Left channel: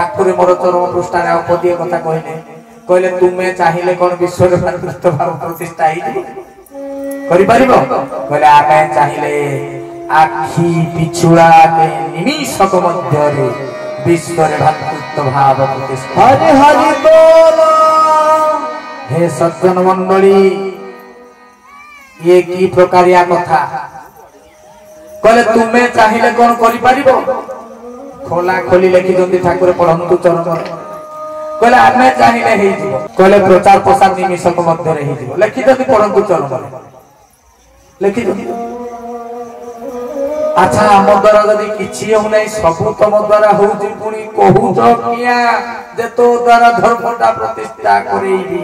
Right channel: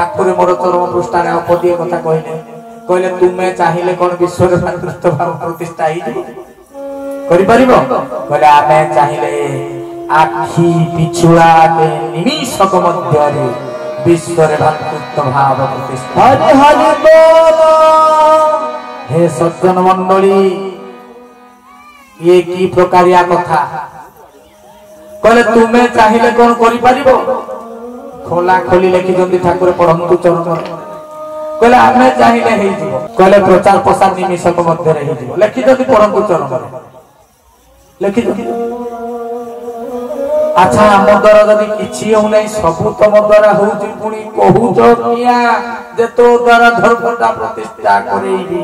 ठाकुर मोर चरम पृष्ठार पदीय कथा कहले कहले तुम्हें चाहिए कौन विश्व मातृत्व भाव प्रतिष्ठा कहले आमे चाहिए आखि पिछुआ के निमिषक मध्य विश्व भातृत्व भाव प्रतिष्ठा। हरि हरि बोल। हे सज्जन मंडली ये की प्रकारिया कथा कहले तुम्हें चाहिए कौन करिपारिबो खोला खोली लेखि जल्दी ठाकुर पढ़ंतु चरण कहले आमे चाहिए हे जीवो कहले प्रचार प्रसार निमिषक मध्य रे हे जीवो लेखि जल्दी पढ़ंतु चरण लेखि अच्छा हम द्वारा जदि किछि हो नै सब तम द्वारा होउछि पुनी कहू तो किया जे तो द्वारा धर्मटा प्रतिष्ठा करेइबी।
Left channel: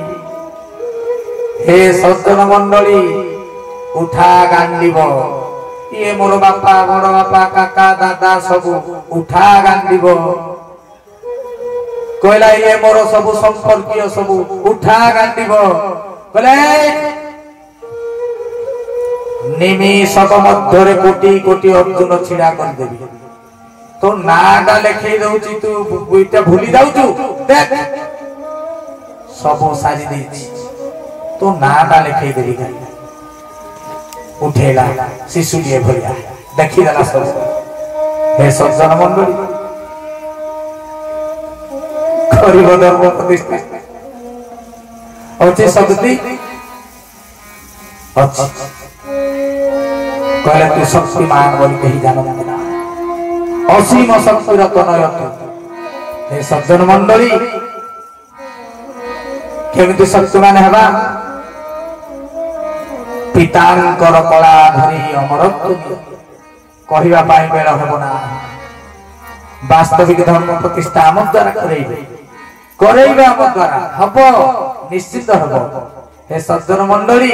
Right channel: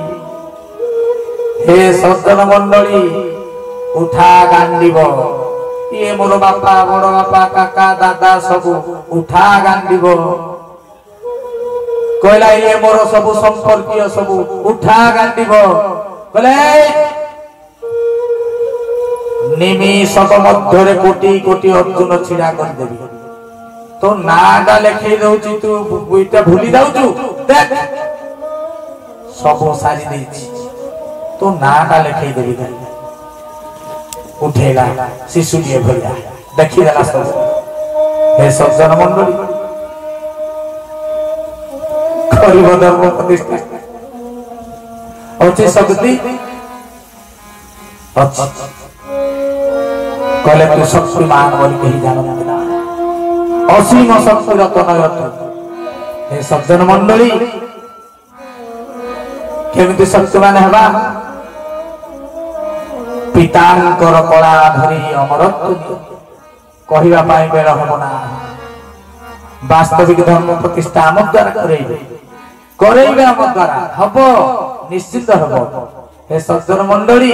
हे सज्जन मंडली उठा गांडीब ये मोर बापा बड़ बापा काका दादा सब उठा गांडीब कहला ये मोर सब संपर्कीय सब उठा गांडीब कहले निमिषक मध्य कोटी कोटी अर्जुन छिड़ा कर देबी तो नाटा लेखै दउची तू बुइटा भूली जाउचू देख सब सारी देछि तो नाटा लेखै देबी उठेला शिशु लिए भैया देखी गला सब। हे सज्जन मंडली गरीब धर्म प्रतिष्ठा अच्छे शक्ति अच्छी कहले तू शक्तिमान बोली कही जानत ना असीम शक्ति रतन। हे सज्जन मंडली केमिति शक्तिमान हेबा पितांकर कला धरी अमरत्व कहवा बेल हम ना वास्तविक धर्म प्रतिष्ठा आम द्वारा करेइबे आम द्वारा हब निश्चित हब। हे सज्जन मंडली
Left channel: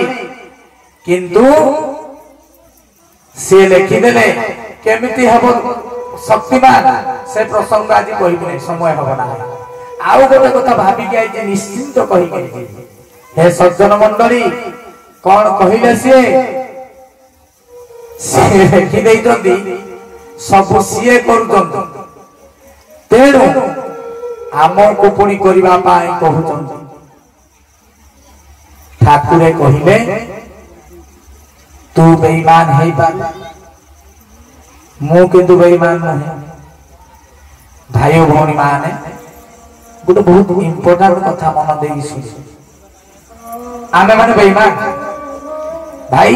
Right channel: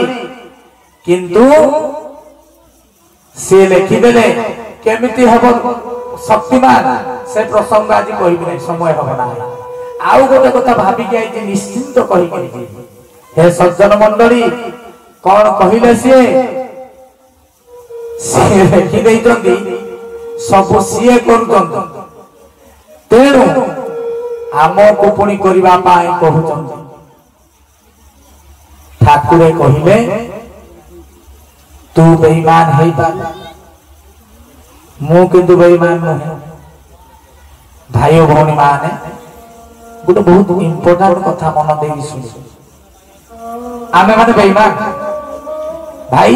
किंतु से लिखिदेले केमिति हब शक्तिमान से प्रसंग आज कहबे समय हब ना आउ गोटे कथा भाबी के जे निश्चित कहि। हे सज्जन मंडली कौन कहले सी लिखि देइछन्ति सब सीए करूछन्ति तेणु आमको पुणी करबा पाई कहउछन्ति। ठाकुर कहिले तू बेईमान है मु किंतु बेईमान नुहे। भाई भौणी माने गोटे बहुत इंपोर्टेंट कथा मन देई सुन आमे माने बेईमान भाई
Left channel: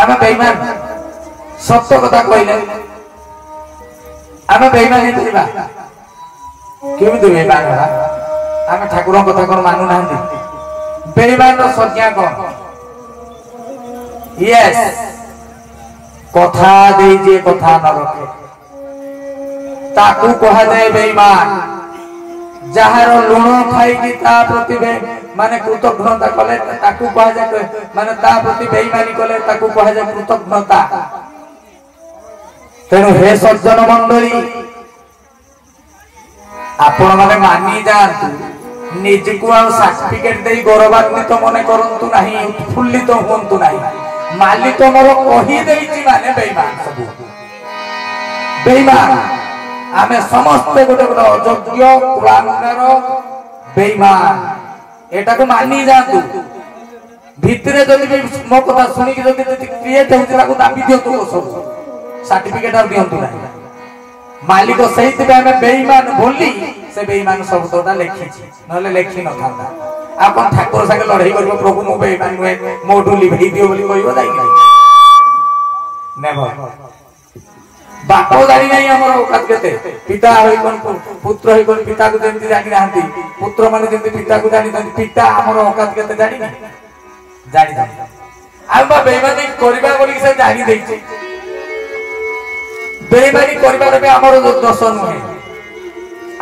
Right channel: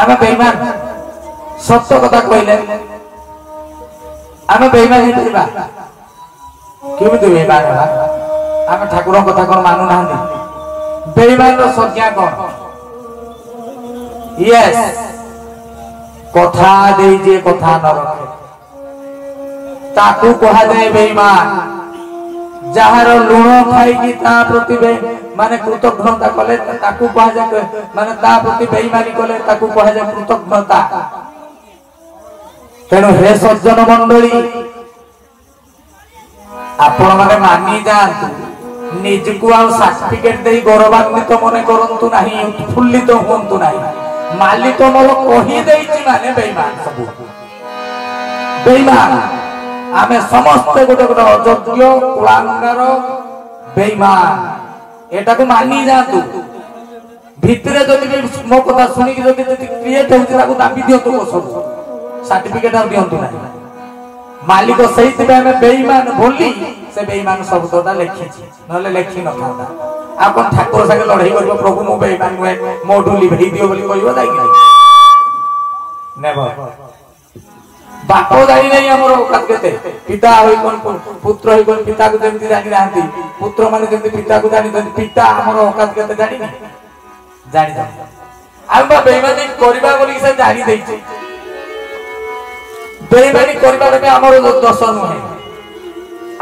आमे बेईमान सत्य कथा कहले आमे बेईमान हेतिबा केमिति बेईमान आमे ठाकुर कथा कोन मानु नाहंती बेईमान रो संज्ञा कोन यस कथा देई जे कथा न रखे ताकू कहा जाए बेईमान जहार लुण खाई ता प्रति माने कृतज्ञता कले ताकू कहा जाए माने ता प्रति बेईमानी कले ताकू कहा जाए कृतज्ञता। तेणु हे सज्जन मंडली आपण माने मानी जातु निजको आ सर्टिफिकेट देई गौरवान्वित मने करंतु नाही उत्फुल्लित होंतु नाही मालिक मोर कहि देइछि माने बेईमान सब बेईमान आमे समस्त गोटे गोटे अयोग्य कुलांगार बेईमान एटा को मानी जातु भितरे जदि मो कथा सुनी कि जदि क्रिएट होछि ताको दाबी दियो तो सब सर्टिफिकेट आ दियंतु नाही मालिक सहित में बेईमान बोली से बेईमान शब्दटा लिखिछि नले लिखि न थांदा आपन ठाकुर संगे लड़ाई करबो प्रभु मो बेईमान नुहे मोडू लिभई दियो बोली कहबो दाई नाही नेवर बापो जानी नहीं हमर औकात केते पिता होई कोन पुत्र होई कोन पिता को जेमति जानि नाहंती पुत्र माने जेमति पिता को जानि पिता हमर औकात केते जानि जानि आबा बेईमानी करबा बोली से जानि देछि बेईमानी करबार बे हमर दोष नुहे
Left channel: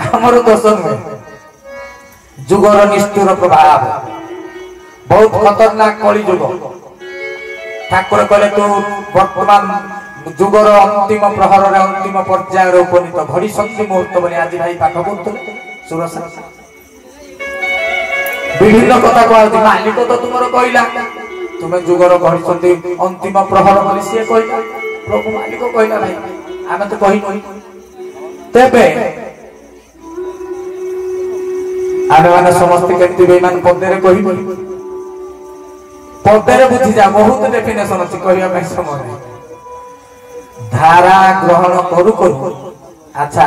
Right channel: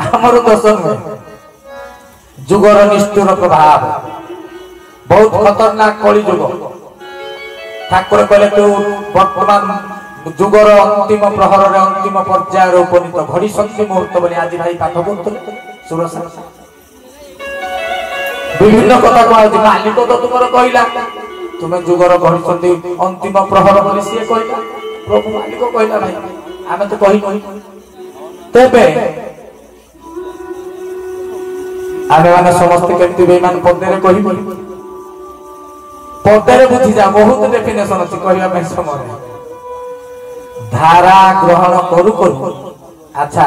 हमर दोष नुहे जुगर निष्ठुर प्रभाव बहुत खतरनाक कली जुग ठाकुर कहले तो वर्तमान जुगर अंतिम प्रहर अंतिम पर्यायर उपनीत घड़ी संधि मुहूर्त बोले आज भाई पाठ पढ़ु सुरसा विभिन्न कथा कहती मालिक तो तुमर कहला तुम्हें जुगर घड़ी संधि अंतिम प्रहर बोली सी कहला प्रभु मालिक कहला भाई आमे तो कहि तेबे आमे माने समस्त केमती बेईमान पदरे कहिबो पदरे बुझी जा बहुत डेफिनेशन अछि कहिया में समय धारा ग्रहण करू करू अच्छा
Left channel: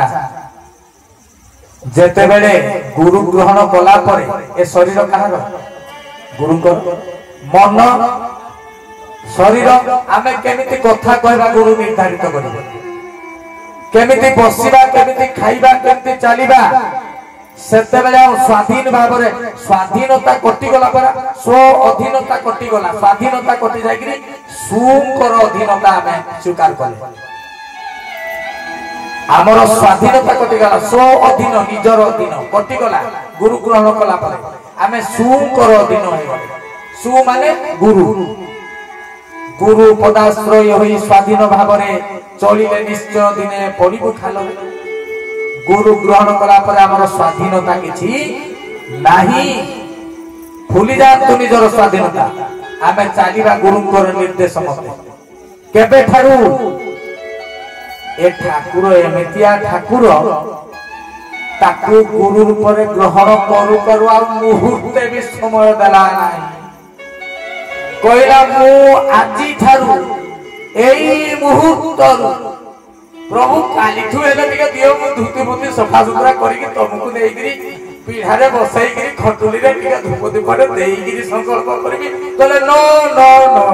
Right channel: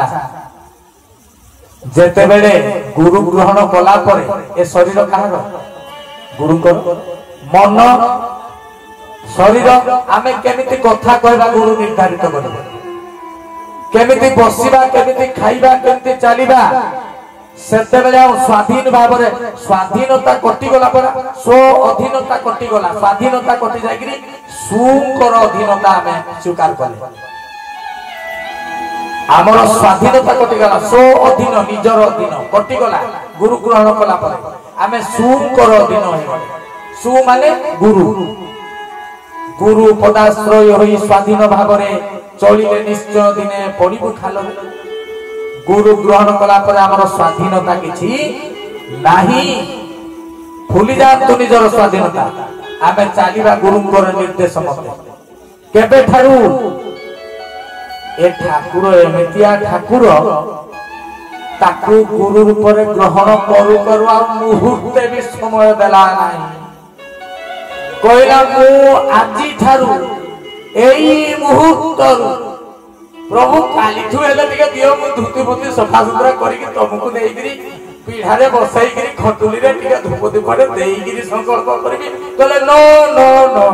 जेते बेले गुरु ग्रहण कला परे ए शरीर काहर गुरु को मन शरीर आमे केमिति कथा कहबा गुरु निर्धारित करबो केमिति बसिबा केमिति खाइबा केमिति चलीबा सेते बेले स्वाधीन भाबरे स्वाधीनता कटि गला पर स्व अधीनता कटि गला स्वाधीनता कटि जागिरी सुकर अधीनता आमे स्वीकार करले आमर स्वाधीनता कटि गला स्व अधीन निजर अधीन कटि गला गुरु ग्रहण कला पर आमे सुकर अधीन हो सु माने गुरु गुरु पदाश्रय होई स्वाधीन भाबरे चलिले निश्चय दिने पड़िबु खाल गुरु ग्रहण कला पर आमर स्वाधीनता किछि नाही भूली जातु निजर स्वाधीनता आमे चालिबा गुरुंकर निर्देश मते केबे ठारू ए ठाकुर एमितिया ठाकुर ताकू गुरु रूप रे ग्रहण करू करू आ मुहूर्ते भी समय देला नाही कहला मु आजी ठारू एई मुहूर्तरू प्रभु काली ठु हेले दियो दियो मु धुति मुति सफा सुतरा करिके तुमको देइगिरी पीढ़ारे बसाइगिरी खटुली रे टिका धूप दीपटे देइगिरी संकल्प करिके तले नो नो नो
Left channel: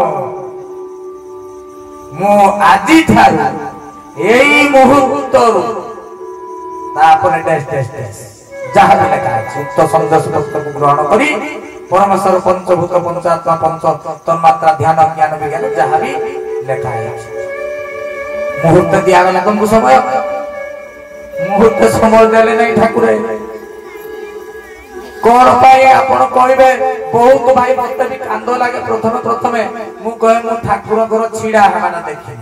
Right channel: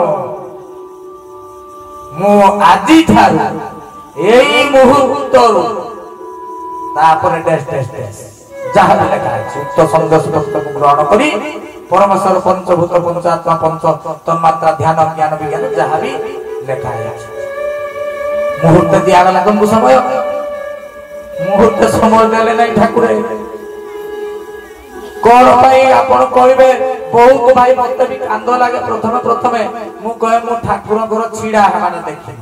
मु आजी ठारू एई मुहूर्तरू तापर टेस्ट जहाँ भी लिखा है उक्त संदेश पुस्तक ग्रहण करी परमेश्वर पंचभूत पंचात्मा पंच तन्मात्रा ध्यान ज्ञान विज्ञान जहाँ भी लिखा है मुहूर्त दिया गला तुमको समय मुहूर्त समय देले नहीं ठाकुर कौन भाई आपण कहबे बहुत भाई मते भी कांद लागे प्रथमे मु कहे मु ठाकुर घर छिड़ा हेना देखि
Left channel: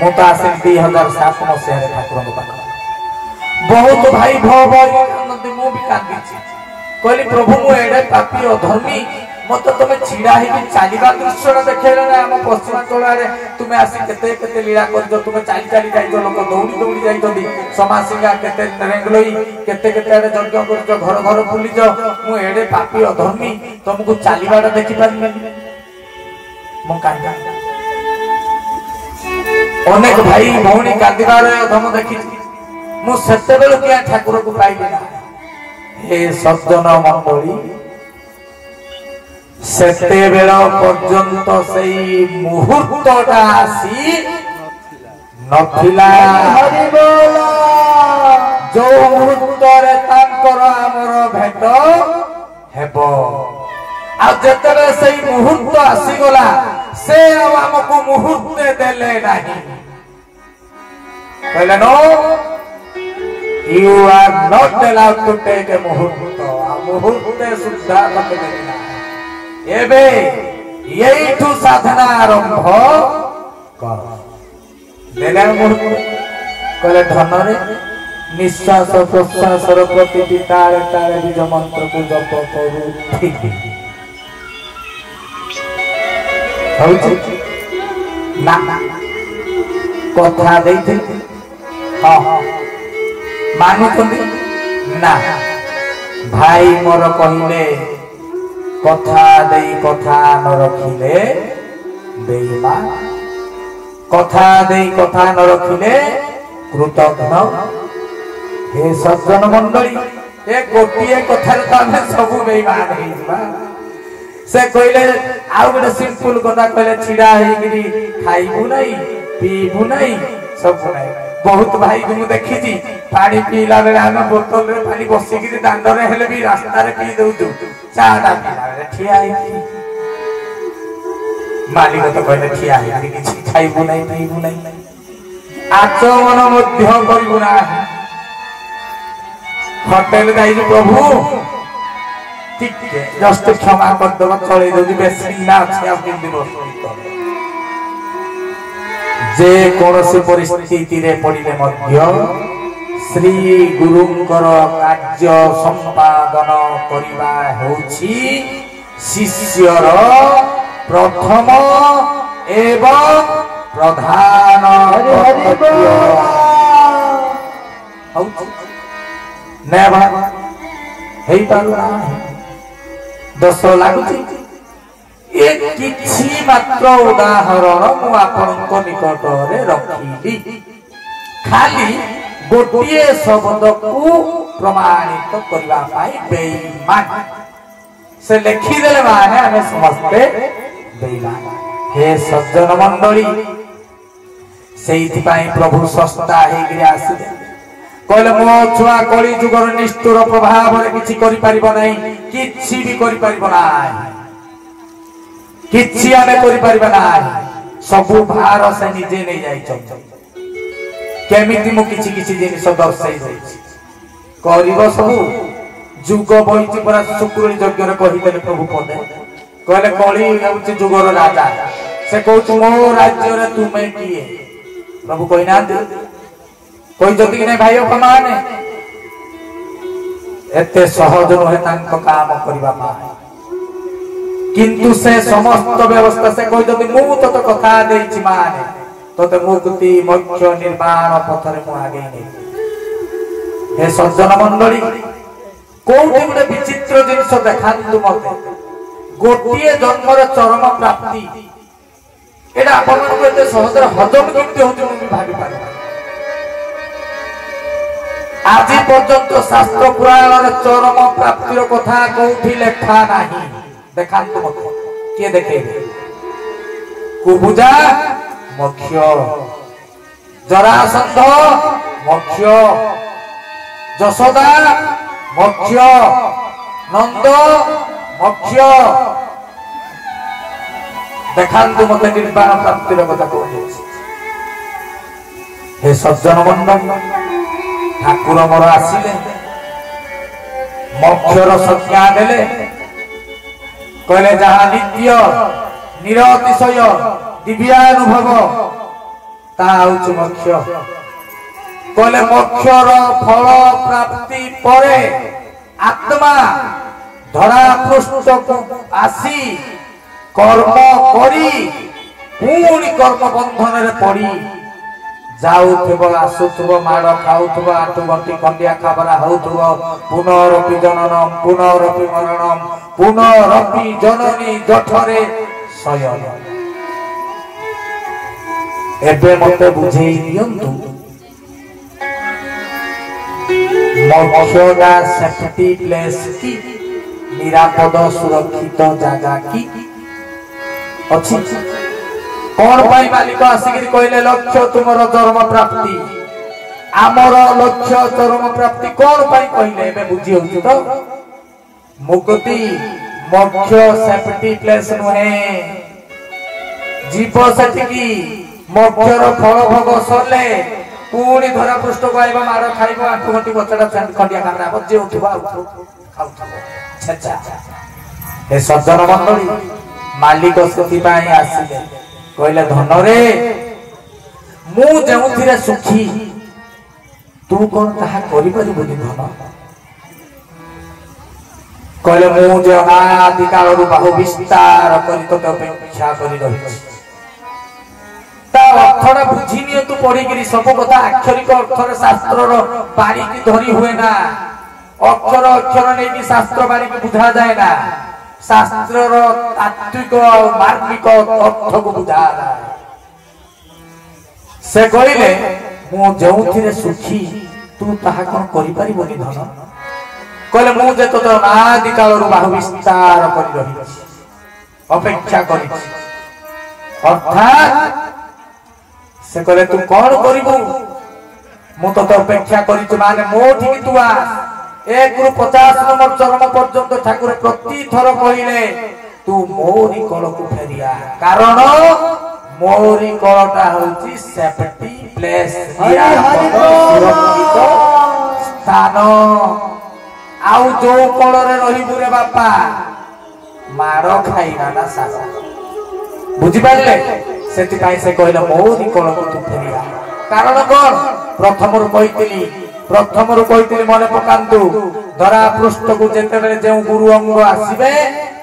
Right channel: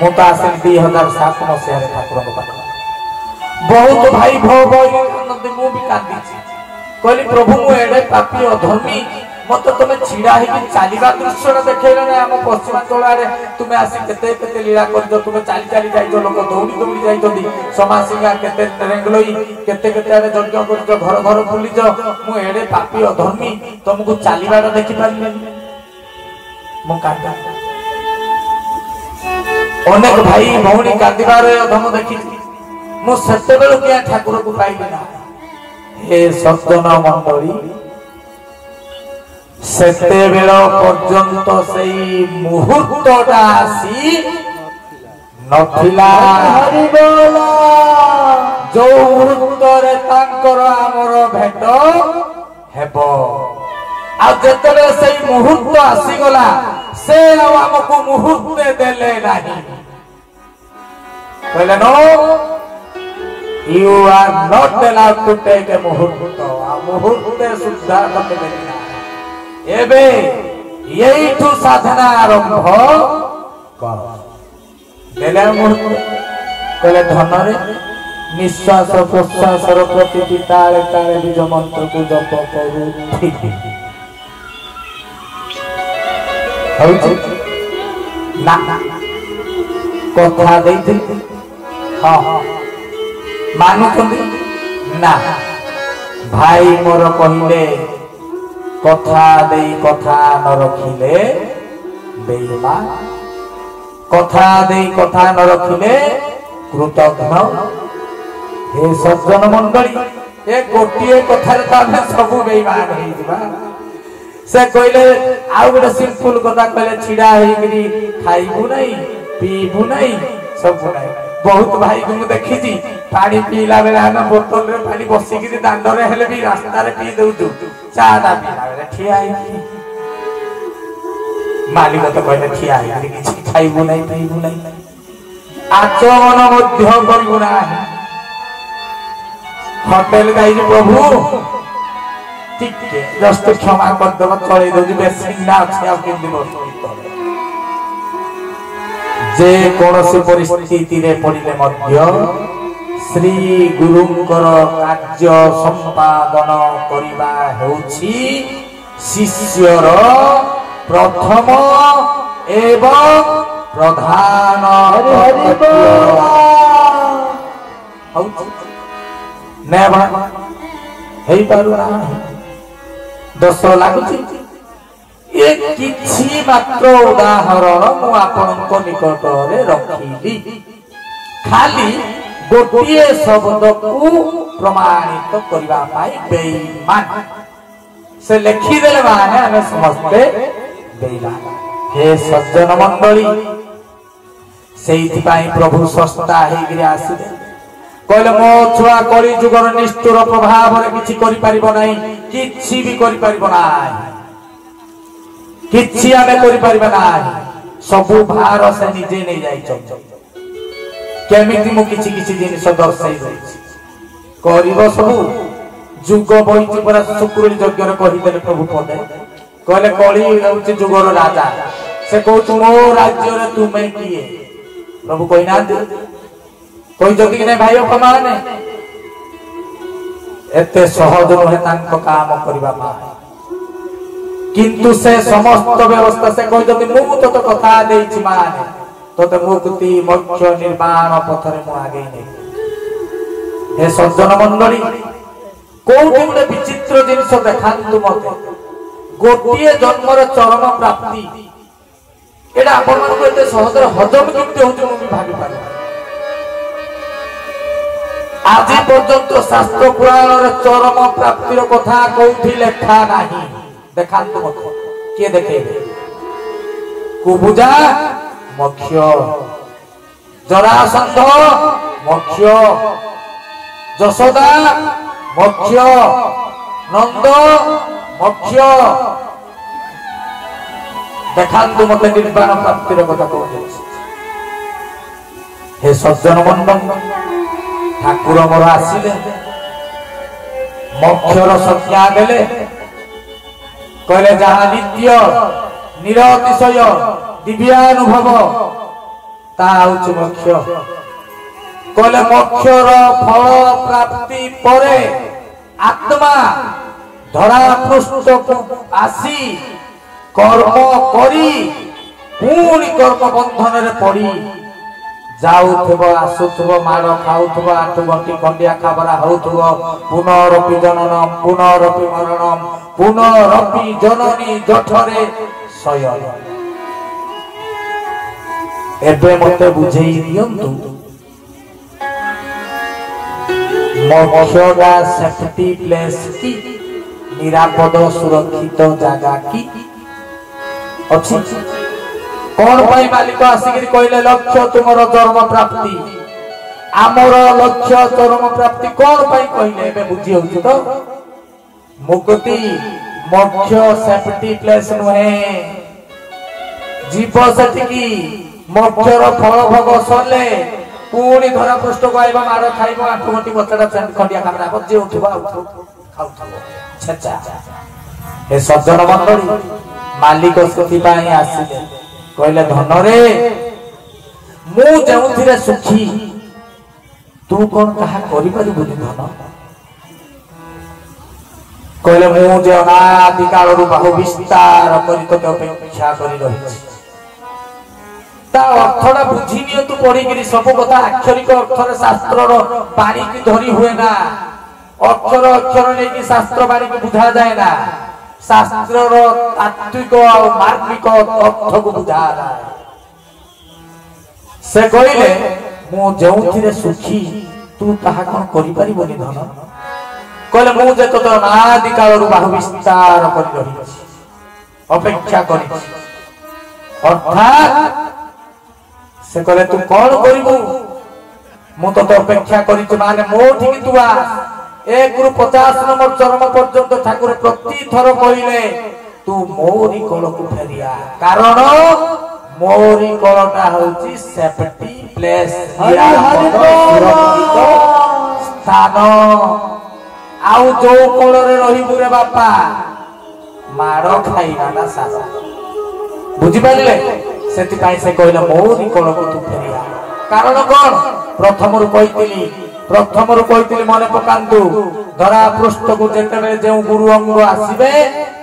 मु तो आसे 2007 मसिया रे ठाकुर को पाख बहुत भाई भो नदी मु भी कांदी कहली प्रभु मु एडे पापी अधर्मी मत तुम छिड़ा है चलवा दृश्य देखेले ना हम पश्चिमांचल रे तुम आसी केते केते लीला कर तुम चली चली जाइछो लोक दौड़ी दौड़ी जाइछोदी समासिंगा केते रेंगलोई केते केते आरे यज्ञ करछो घर घर बुलिछो मु एडे पापी अधर्मी तुमको चलीबाटा देखि पारिबे मु कांदा अनेक भाई भौणी कांदिबार अधम देखि मु सत्य बेल किया ठाकुर को पाइबे ना हे सज्जन मंडली सेते बेल पर्यंत सेई मुहूर्तटा आसी नथिला जो मुहूर्त रे तांकर हमर भेट हेबो आ जेतले सेई मुहूर्त आसी गला से हमको मुहूर्त देले नाही कहले no you are not allowed to take a मुहूर्त सुद्धा कते एबे यहीठु साधना आरंभ कर देले मुहूर्त कहले धनरे निश्वास प्रश्वास प्रतिटी तारे तारे बीज मंत्र को जप करू ठीक ना कथा देते हां मानुचंदी ना भाई मोर कहिले कथा देई कथा न रखिले बेईमान कथा देई कथा न रखिले कृतघ्न हे सज्जन मंडली ए गोटिए कथार तामे सब बेईमान हे जिबा से कहले आ गोटे सिंपल कथा कहले छिड़ा हेगिरी खाइबु नहीं पीबु नहीं सब नहीं बहुत भाई को देखी जी पानी पीला बेला में बोतल रे पानी बसी की दांड रे हेले भी रास्ता रे पी दउ चा दा पीला रे ठिया ही मालिक तो कहले ठिया ही किछि खाइबु नहीं पीबु नहीं आचरण मध्य करबु ना होटल गाई प्रभु ठीक है जस्ट क्षमा कर दो चले दउ बेसी ना छै अब किन दिन जे कोनोसी परिस्थिति रे पड़िले मध्य श्री गुरुंकर कार्य संपादन करिबा होछि शिष्यर प्रथम एवं प्रधान कर्तव्य ହେଇ ପାରୁନା ଦୋଷ ଲାଗୁଛି। ଏ କିଛି ମାତ୍ର ଉଦାହରଣ ମୁଁ ଆପଣଙ୍କ ନିକଟରେ ରଖିଲି, ଖାଲି ଗୋଟିଏ ଶବ୍ଦକୁ ପ୍ରମାଣିତ କରିବା ପାଇଁ ବେଇମାନ। ସେ ଲେଖିଦେଲେ ମାନେ ଆମେ ସମସ୍ତେ ବେଇମାନ। हे सज्जन मंडली, ସେଇଥିପାଇଁ ପ୍ରଭୁ ଶସ୍ତା ହେଇକିରି ଆସିଲେ, କହିଲେ ମୋ ଛୁଆ କଳି ଯୁଗର ନିଷ୍ଠୁର ପ୍ରଭାବରେ କିଛି କରିପାରିବ ନାହିଁ, କିଛି ବି କରିପାରିବ ନାହିଁ, କିଛି ଆମେ କରିପାରିବା ନାହିଁ। ସବୁ ଭାର ସେ ନିଜେ ନେଇ ଯାଇଛନ୍ତି। କେମିତି ମୁଁ କିଛି କିଛି ଜିନିଷ ଦର୍ଶାଇ ଦେଇଛି, କରିବ ସବୁ। ଯୁଗ ବହିଛି ପରା ଶୁକ୍ରୁଣୀ ଯଜ୍ଞରେ କହିଦେଲେ ପ୍ରଭୁ ପଦେ, କହିଲେ କଳି ହେଉଛି ଯୁଗର ରାଜା। ସେ କହୁଛି ମୋ ରାଜ୍ୟରେ ତୁମେ କିଏ? ପ୍ରଭୁ କହିନାହାନ୍ତି, କହିଛନ୍ତି କି ନାଇଁ ଭାଇ ଅପମାନେ? ଏତେ ସହଜ ନୁହେଁ ତାଙ୍କ କାମ କରିବା ପାଇଁ, କିନ୍ତୁ ସେ ସମସ୍ତ ବ୍ୟବସ୍ଥା ସେ କହିଛନ୍ତି ମୁଁ ତତେ କଥା ଦେଇଛି ମାନେ ତତେ ମୁକ୍ତି ମୋକ୍ଷ ନିର୍ବାଣ ପଥରେ ମୁଁ ଆଗେଇ ନେଇ। हे सज्जन मंडली, कोउठी गोटे विचित्र जिनिस देखाନ୍ତୁ मते, गोटिए जन्मर चरम प्राप्ति एटा आपण मानक एते सहज हजम केमति होउछ मु भाबी पारे। आज पर्यंत शास्त्र पुराणर चरम प्राप्तिर कथा कोउठी लेखा नाही। देखाନ୍ତୁ मते, के देखेबे? कुबुजा मोक्ष, जरासंध मोक्ष, यशोदा मोक्ष, नंद मोक्ष। देखाନ୍ତୁ मते निर्वाण प्राप्तिर कथा कहूँ। हे सज्जन मंडल, ठाकुर मोर आसिले मोक्षर संज्ञा देले, कहले जहाँ नित्य निरतिशय दिव्यानुभव ता होछि मोक्ष। कहले मोक्षर फल प्राप्ति परे आत्मा धरा पृष्ठ को आसी कर्म करी पुणी कर्म बंधन रे पड़ी जाउथबो, आसुथबो, मार खाउथबो, आठु गंटी खंडिया खाबरा होउथबो, पुनरपि जननम पुनरपि मरणम पुनरपि जननी जठरे शयन। एबे मते बुझेई दियंतु मोक्षगा सेफ्टी प्लेस की निरापद सुरक्षित जगह की अच्छी कौन पाई मालिक आसिक कहले लक्ष्य तुमर चरम प्राप्ति, आमर लक्ष्य चरम प्राप्ति कौन पाई कहले एबे बुझी होउछ तो। मुक्ति मोक्ष सेफ्टी प्लेस नुहे, जीव सेटिकी मोक्षर फल भोग सरले पुणी धरा पृष्ठ को आइबा, मार खाइबो, आठु गंटी गचड़ा खंडिया खाबरा बजे उठबा खाउथबो छेचा। ए सज्जन मंडली, मालिक सेति पाई आसिले कहले धन रे मु जेउथिरे सुखी तू कोन कहा करि परिबो धन? कहले मु जे अनादि कालरु बाहु विस्तार करि तो अपेक्षा करि रहिछि, ता अर्थटा बुझी नियंतु पढ़ी सब कथा अक्षरिक अर्थर शास्त्र बाणी की धरी हुए ना, अक्षर अक्षर नहीं कि शास्त्र बाणी की बुझा जाए ना, शास्त्र तात्विक और मार्मिक अर्थ को बुझा रहा है। से कहले मु जेउथिरे सुखी तू ताहा कोन करि परिबोनी धन? कहले मु जे तो अनादि कालरु बाहु विस्तार करि रहिछि, अपेक्षा करिछि, अर्थात से कहले तू कौन करिबू? मु तो अपेक्षा करिछि माने मोठी कि तू आ 1 रु 50 नंबर चरम पर्यंत ठाकुर प्रति थर कहले तू मोरी कल को फेरिया, कारण मोरी कलटा होची सेफ्टी प्लेस, स्थान। आउ जो कलरे रहिबू रे बापा मार खाइना ना सासा, बुझी पाले? सेति पाई से कहले मोरी कल को तू फेरिया, कारण कोन? प्रथमरु कहितली मने पकांतु, धरा पृष्ठ को जेते बेले जे गुरु अंग आसीबे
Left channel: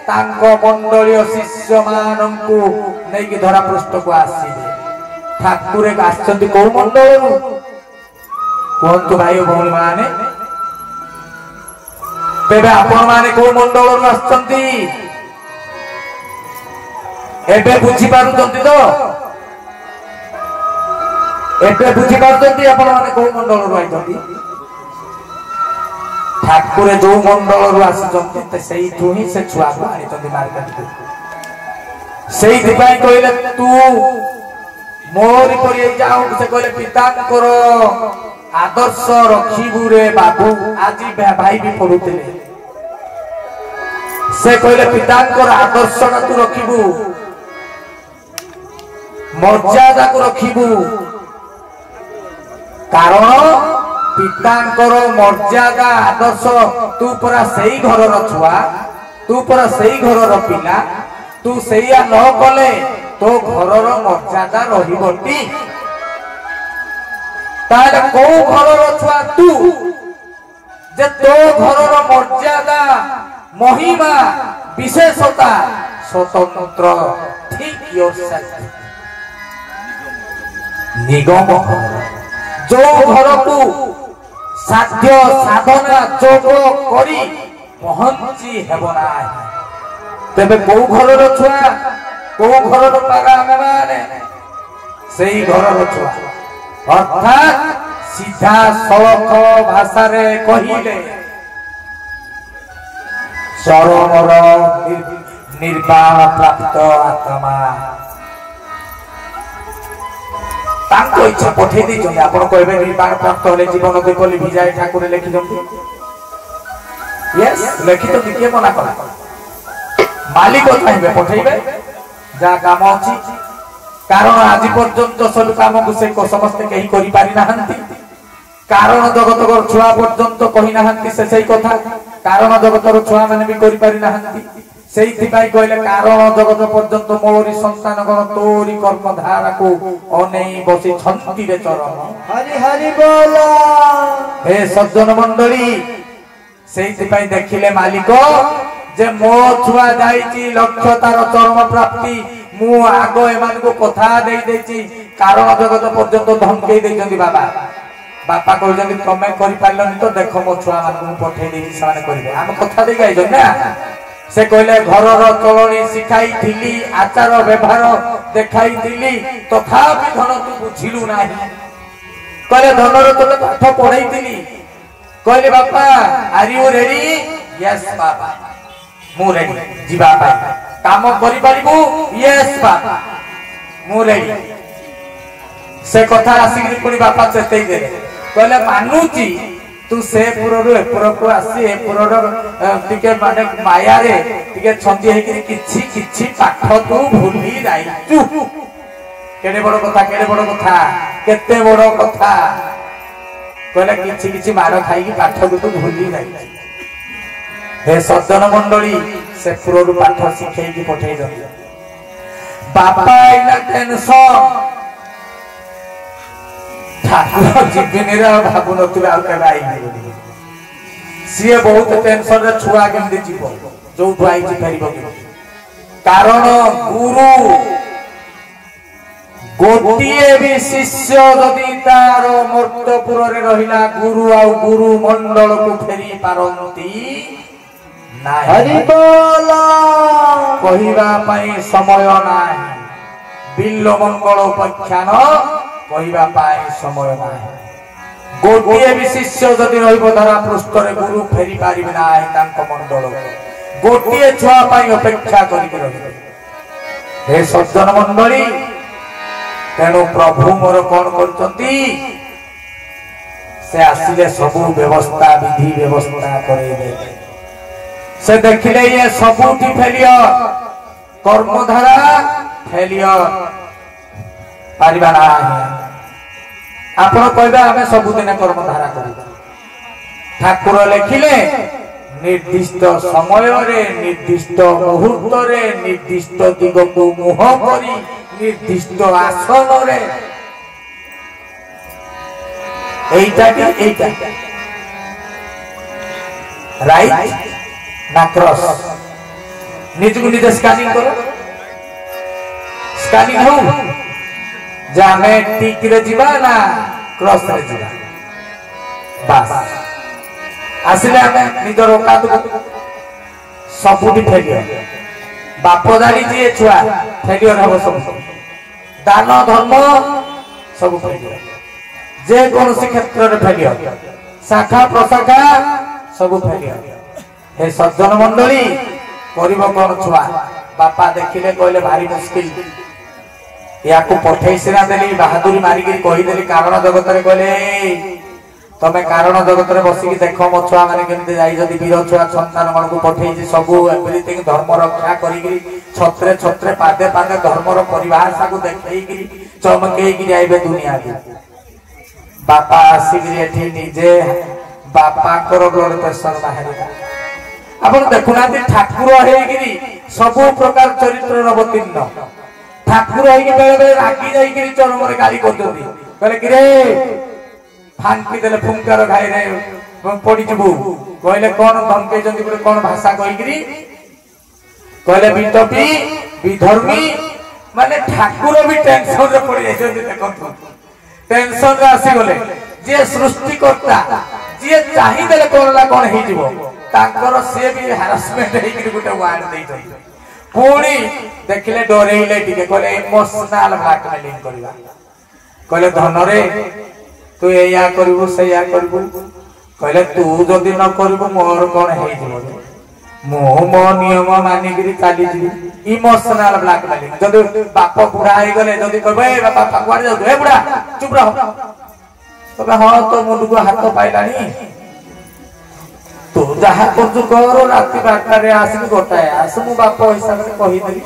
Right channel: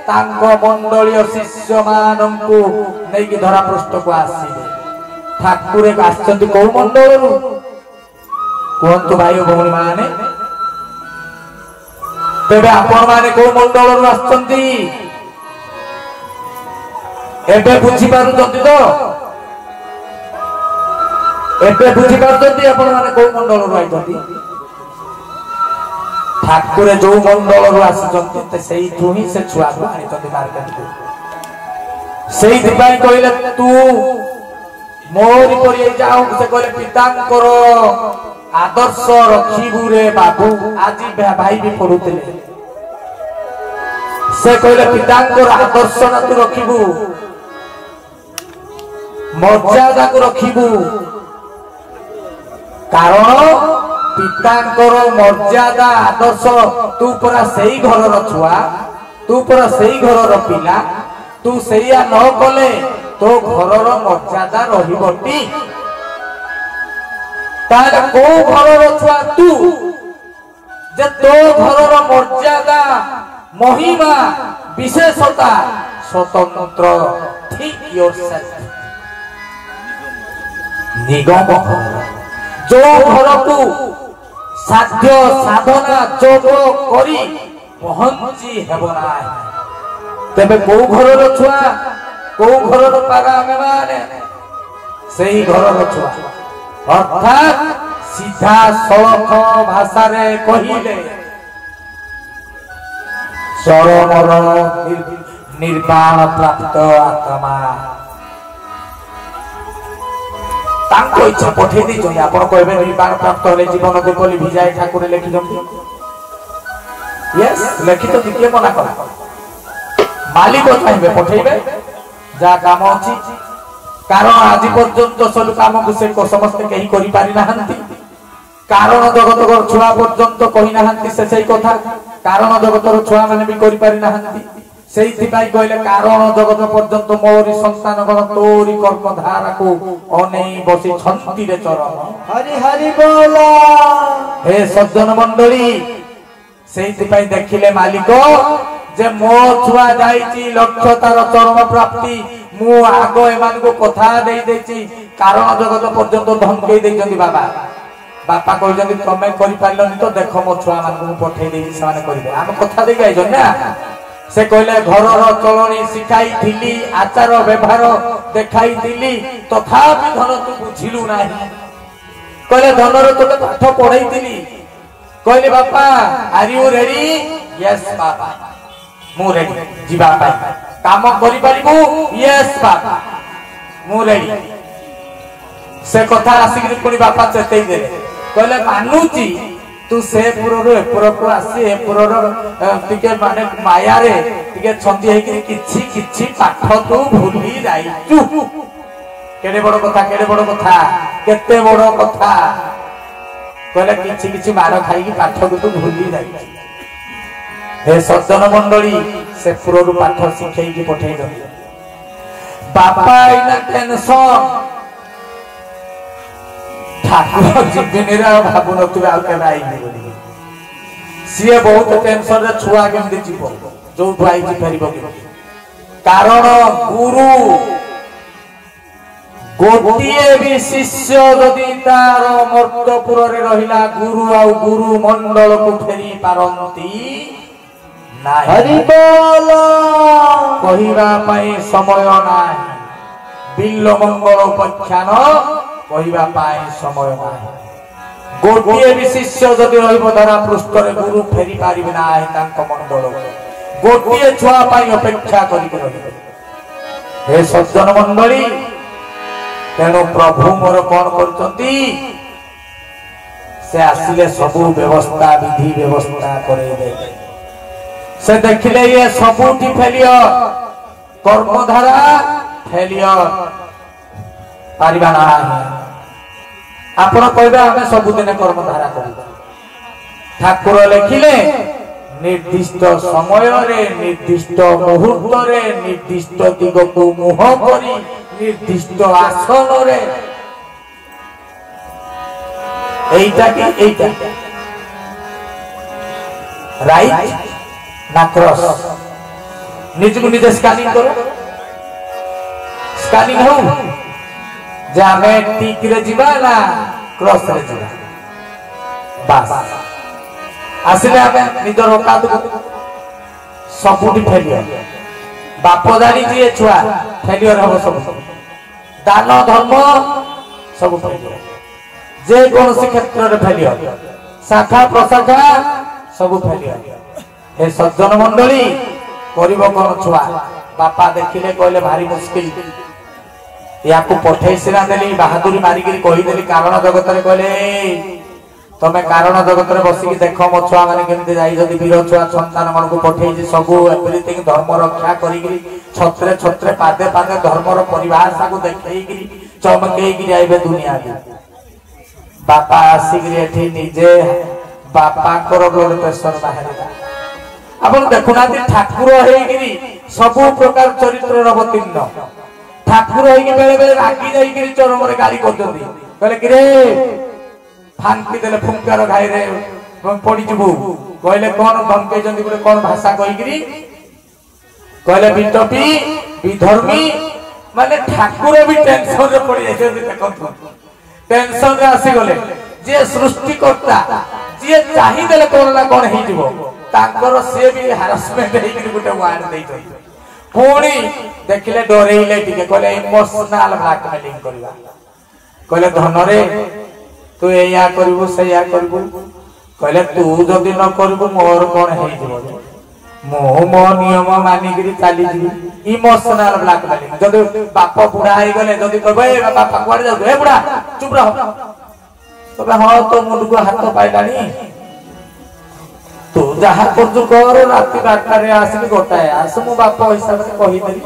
तांको मंडलीय शिष्य मानंकु नै कि धरा पृष्ठ को आसीबे। ठाकुर आछंती को मंडलरु कोंतु भाई भौणी माने तेरे आपण माने को मंडल आसचंती एबे बुझी पारुचंती तो एबे बुझी पारुचंती आपण माने को मंडल आइचंती ठाकुर जो मंडल आसचंती सेई तू ही से छुआ को आनिचंती मार्केट को सेई दिपाई कहले तू मोरी परि जाऊ से कहले पितांकर आदर्श रखिबु रे बाबू आज भाई भी पढुतले से कहले पितांकर आदर्श ना तू रखिबु मर्यादा को रखिबु कारण पितांकर मर्यादा आदर्श तू परा सेई घर र छुआ तू परा सेई घर र पिला तू सेया न कले तो घर र मर्यादा रहिबटी तार को घर र छुआ तू जे तो घर र मर्यादा महिमा विशेषता स्वतंत्र ठीक योरसेल्फ निगम जो घर को साध्य साधना जोग करी पहुंची हेबना तेबे को घर रो छुआ को घर रो पागा में माने सेही घर रो छुआ अर्थात सीधा सलख भाषा रे कहिले चरमर निर्वाण प्राप्त आत्मा तांको इच्छा पठे दी जो आपण कहबे निर्वाण प्राप्त होले जीवन देखली भिजाए ठाकुर लिखि दंती यस लिखि तो दिके मना करा मालिक चाहे पठेबे जा काम अछि कारण आज पर्यंत सब काम को से समस्त कहीं करि पारि नाहंती कारण जगत को छुआ पर्यंत कहि नाहंती से सही कथा कारण जगत को छुआ माने भी करि पारि नाहंती सेही पाई कहले कारण जगत पर्यंत मोरी संतान गण तोरी कर्म धारा को अनेई बसी छंती रे चरण हरि हरि बोल हे सज्जन मंडली सेही पाई देखिले मालिक जे मो छुआ जाईची लक्ष्य तार चरम प्राप्ति मु आगो एमान को कथा देई देची कारण जगत पर्यंत धमके देइचंदी बाबा बापा कहजंदी तमे करि पारलनी तो देखो मो छुआ मान को पठे देई साने करिवे हम कथा देई गाइजन ना से कहले घर चलनी शिखाई थिली आचार व्यवहार देखाई थिली तथापि धन तू बुझिलु नाही कहले धनर तो पाठ पढ़ाई थिली कहले बापा आर यू रेडी यस बाबा मु रेडी जीवा पाई काम करि परिबु यस बाबा मु रेडी से कथा आसिक पुनी बापा चेतई दे कहले मानुची तू से पुररो एपुरको आसी एपुररो टिके माने माया रे टिके छंदी हे किछि किछि पाठ तू भूली जाईचु केडे बड़ कथा केते बड़ कथा कहले किछि किछि मार खाई की पाठ तू भूली जाईचु हे सज्जन मंडली से पुररो पाठ शिखै की पठै दो बापा इना टेंशन ठाकुर जीवन भावु नथिबे आ के आई सीए बहुत टेंशन रे छुआ केमदि जीव जो भाई जी परिबो कारण गुरु गोटिए भी शिष्य यदि तार मर्तपुर रे रहिला गुरु आ गुरु मंडल को फेरी पारंती नाही हरि बोल कहिबा पई समय नाही बिल्ल मंगल उपाख्यान कहिबा पाए समय नाही गोटिए भी शिष्य जदि रहिबो धरा पृष्ठ रे गुरु फेरी पारिबे नाही तांको मंडल गोटिए छुआ पाई अपेक्षा करि के रहिबे हे सज्जन मंडली तेणु प्रभु मोर कोन करचंती से आसिले सब व्यवस्था विधि व्यवस्था करेबे से देखिले ये सबुठी फेलियर कर्मधारा फेलियर पारिबा नाही आपण कहबा हमें सब दिन कर्मधारा करू ठाकुर लिखिले निर्दिष्ट समय रे निर्दिष्ट मुहूर्त रे निर्दिष्ट दिग को मुह करी निर्दिष्ट आसन रे एटा राइट ना क्रॉस निज को निज स्कैनिंग करो स्कैनिंग हो जामे टिक रे जीवा ना क्रॉस रे जीवा बस आसिले आमे निजर औकात सबुठी फेलियर बाप जानी जी छुआ फेलियर हम सब दान धर्म सब फेलियर जे कौन सी क्षेत्र रे फेलियर शाखा प्रशाखा सब फेलियर हे सज्जन मंडली करिब कौन छुआ बापा देखिले कहले भारी मुश्किल या को पठेई सिना देली बहादुरी मारी के कहि देली कारण जगत रे कहले तमे कारण जगत रे बसी की देखो मो छुआ माने केमते जाई जदी वीर छुआ संतान मन को पठेई जे सब एवरीथिंग धर्म रक्षा करी की छत्रे छत्रे पादे पादे धर्म रो परिवार सागु देखई की चमकेई की आइबे दुनिया के बापा आसी की एठी निजे बापा कर ब्लड प्रेशर बाहर अपन देखुना ठाकुर हेगिरी सब प्रकार चरित्र अवतीर्ण ठाकुर होई बेले बेले रागी जाई के चरम रे गाली कर दो कहले कि रे फांकी देले फुंकार खाई रे पड़ी जबू कहले कोन धमके जंदी गुटे कोन भाषा कहि गिरी कहले बिटपी विधर्मी माने ठाकुर भी टेंशन रे पड़ी जाई जंदी देखो टेंशन रे आसी गले जे सृष्टि करता जे चाहि देले कोन ला कोन हे जीवो ताकर से भी हैरेसमेंट हे गिरी गुटे वार्ड देई जंदी पुणी देखिले डरेइले टिके कहले इमोशनल ब्लैकमेलिंग करबा कहले धन रे तू एया करबू सेया करबू कहले तू जदी न करबू मोर कोन हे जबो मो मो नियम मानि गिरी चाली जी इमोशनल ब्लैकमेलिंग जदी बाप बुढ़ा हे गले जदी कहबे बापा कुआड़ जाऊ हे बुढ़ा चुप रह तबे हां तो मुंड को हाथ पाइलानी तू जहा कर कर राति 8 रे आसी गोटाए आस मु बाप हिसाब से कहि देली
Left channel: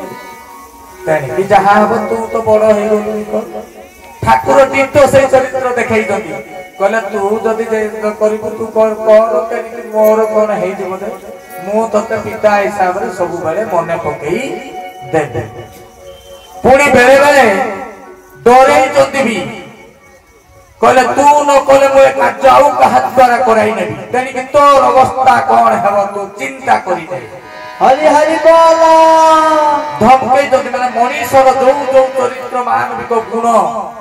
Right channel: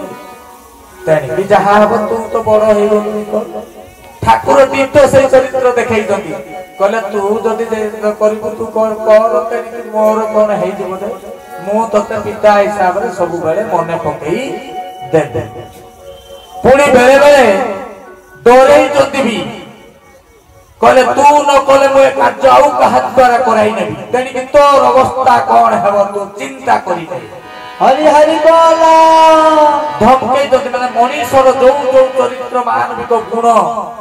तेनी कि जहा हो तू तो बड़ हे गली ठाकुर तीर्थ से चरित्र देखाई दती कहले तू जदी करिबू तू कर कर तेनी मोर कोन हे जबो दे मु तते पिता हिसाब से सब बेले मने पकई दे दे पुणी बेले बेले डरे जदी भी कहले तू न कहले मु कार्य आउ कहा द्वारा कराई नेबी तेनी कि तोर अवस्था कोन हेबो तू चिंता करि दे हरि हरि बोल धमके जति माने मनीषर जो जो चरित्र मानविक गुण